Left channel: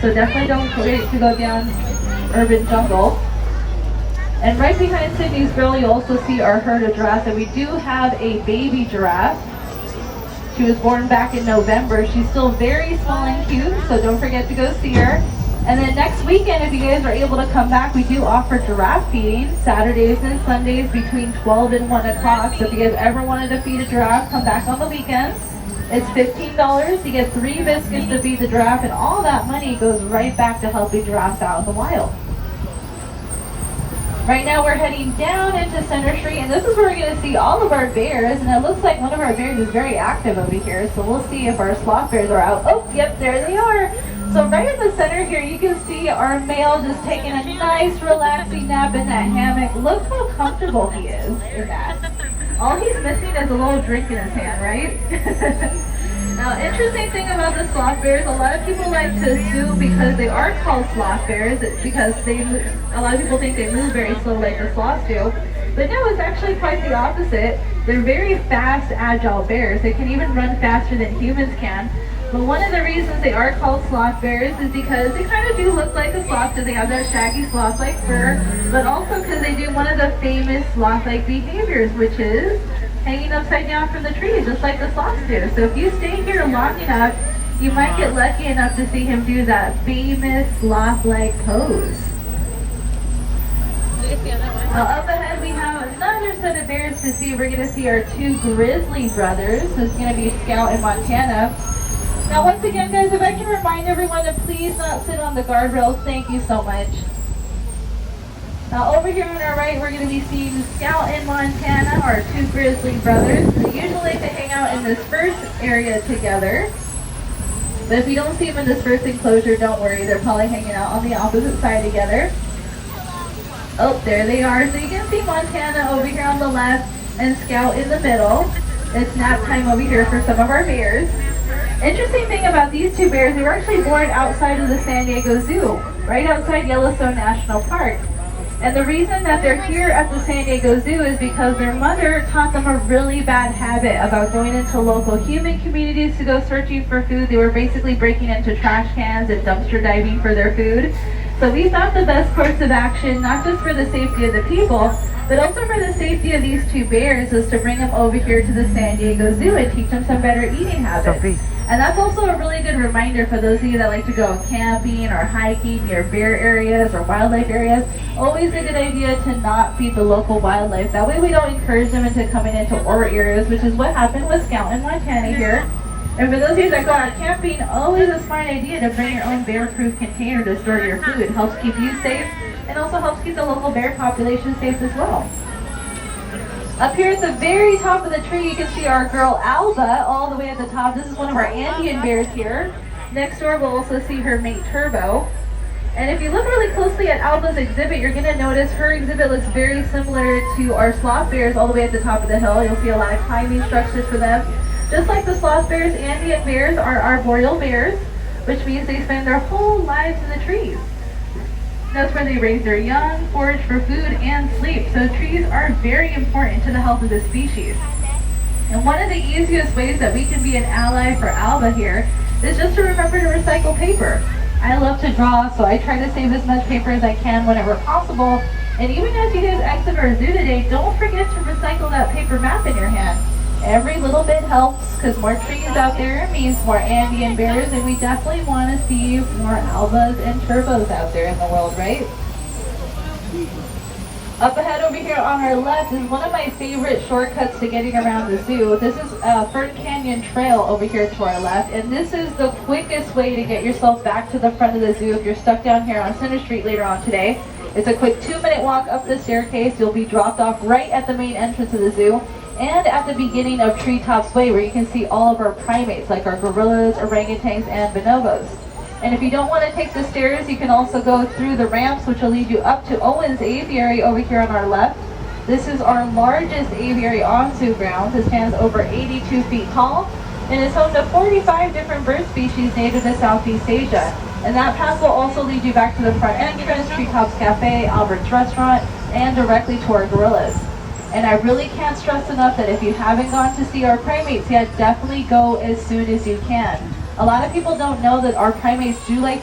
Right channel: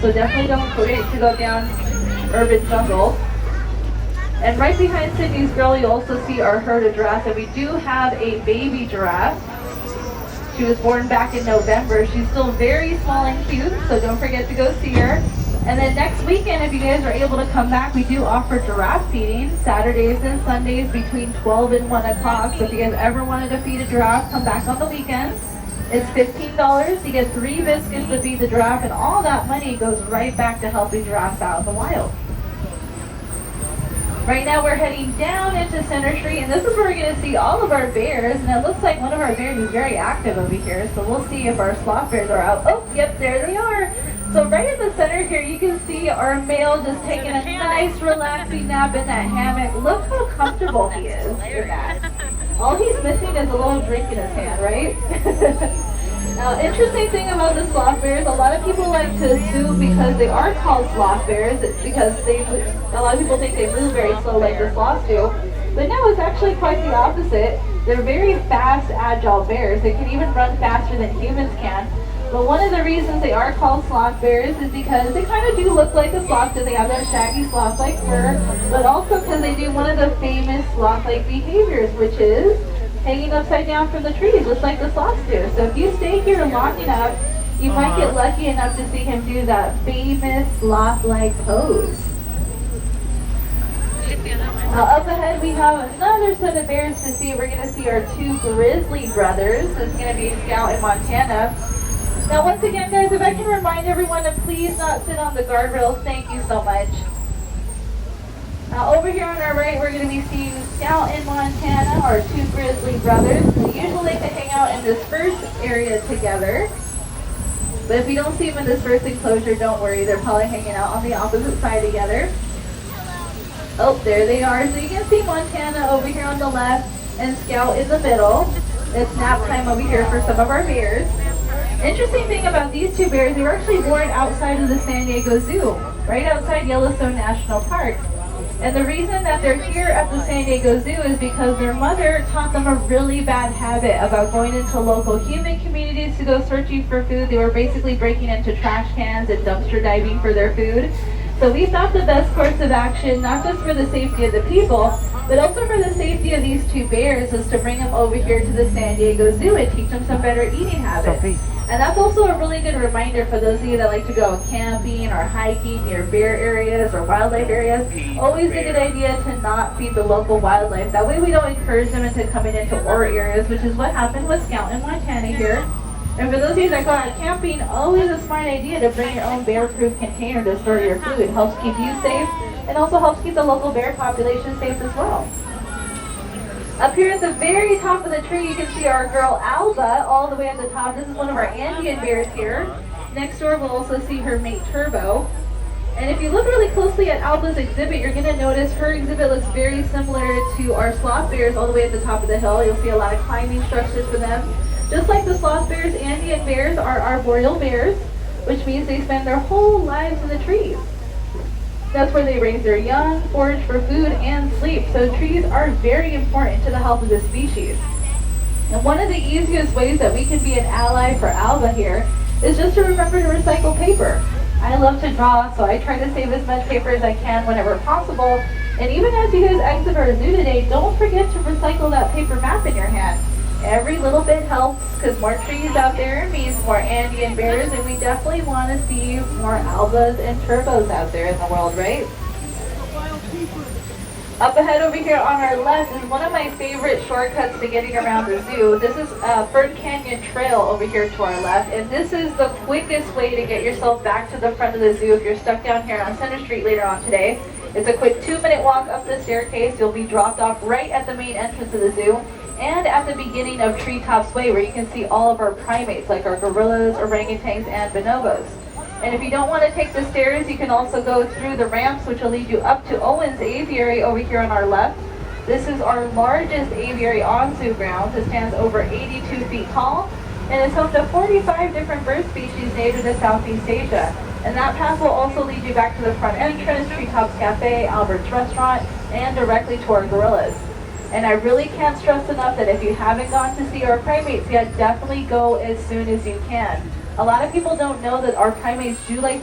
So definitely don't forget to go down urban jungle. And right behind Sydney's grill, you'll also see our herd of giraffes. And we do have a baby giraffe. She was born back in November. She's still very small and cute, so don't forget to go see her. And then next weekend, if you guys are able to come back, we do offer giraffe feedings Saturdays and Sundays between 12 and 1 o'clock. So if you guys ever wanted to feed a giraffe, come back on the weekends. It's $15. You get 3 biscuits to feed the giraffe, and all that money goes right back to helping giraffes out in the wild. Right now we're heading down into Center Street, and this is where we're going to see all of our bears, and it looks like one of our bears is very active over here, so we'll see if our sloth bears are out. Oh, yep, there they are. So right in the center here, you can see our male just taking a nice relaxing nap in that hammock. Look how comfortable he is in that. All he's missing is a little drink in his hand, right? Now, interesting thing about the sloth bears, a lot of people like to assume because they are called sloth bears, it's because a lot of people think they move very slow like the sloths do. But no, it's actually quite the opposite. They're very fast, agile bears. They can even run faster than humans can. But one of the reasons they are called sloth bears is because they kind of do look like a sloth, because they have that shaggy sloth-like fur, but also because they do one of the famous sloth-like behaviors, which is hanging upside down from the trees, just like the sloths do. So if you stay here long enough, you might get lucky enough to see him do that famous sloth-like pose. Up ahead we have another set of bears to see. We're going to see our 2 grizzly brothers. This is going to be Scout and Montana. Now once again guys, if I can remind everyone to please not sit on the guardrails, thank you so much. Now over here on our right, we're going to be seeing Scout and Montana, our 2 grizzly brothers. Usually they hang out in this first area together. But if you don't see them in this first enclosure, don't worry, they're probably hanging out on the opposite side together. Oh, there they are. So you can see Montana over here on the left and Scout in the middle. It's nap time over here for some of our bears. Interesting thing about these 2 bears, they were actually born outside of the San Diego Zoo, right outside Yellowstone National Park. And the reason that they're here at the San Diego Zoo is because their mother taught them a really bad habit about going into local human communities to go searching for food. They were basically breaking into trash cans and dumpster diving for their food. So we thought the best course of action, not just for the safety of the people, but also for the safety of these 2 bears, was to bring them over here to the San Diego Zoo and teach them some better eating habits. And that's also a really good reminder for those of you that like to go camping or hiking near bear areas or wildlife areas. Always a good idea to not feed the local wildlife. That way we don't encourage them into coming into our areas, which is what happened with Scout and Montana here. And for those of you that go out camping, always a smart idea to bring your own bear-proof container to store your food. It helps keep you safe and also helps keep the local bear population safe as well. Up here at the very top of the tree, you can see our girl Alba all the way at the top. This is one of our Andean bears here. Next door, we'll also see her mate Turbo. And if you look really closely at Alba's exhibit, you're going to notice her exhibit looks very similar to our sloth bears all the way at the top of the hill. You'll see a lot of climbing structures for them. Just like the sloth bears, Andean bears are arboreal bears, which means they spend their whole lives in the trees. That's where they raise their young, forage for food, and sleep. So trees are very important to the health of the species. And one of the easiest ways that we can be an ally for Alba here is just to remember to recycle paper. I love to draw, so I try to save as much paper as I can whenever possible. And even as you guys exit our zoo today, don't forget to recycle that paper map in your hand. Every little bit helps, because more trees out there means more Andean bears, and we definitely want to see more Albas and Turbos out there in the world, right? Up ahead over here on our left is one of my favorite shortcuts to getting around the zoo. This is Fern Canyon Trail over here to our left, and this is the quickest way to get yourself back to the front of the zoo if you're stuck down here on Center Street later on today. It's a quick 2-minute walk up the staircase. You'll be dropped off right at the main entrance of the zoo, and at the beginning of Treetops Way, where you can see all of our primates like our gorillas, orangutans, and bonobos. And if you don't want to take the stairs, you can also go through the ramps, which will lead you up to Owens Aviary over here on our left. This is our largest aviary on zoo grounds. It stands over 82 feet tall, and is home to 45 different bird species native to Southeast Asia. And that path will also lead you back to the front entrance, Treetops Cafe, Albert's Restaurant, and directly to our gorillas. And I really can't stress enough that if you haven't gone to see our primates yet, definitely go as soon as you can. A lot of people don't know that our primates do like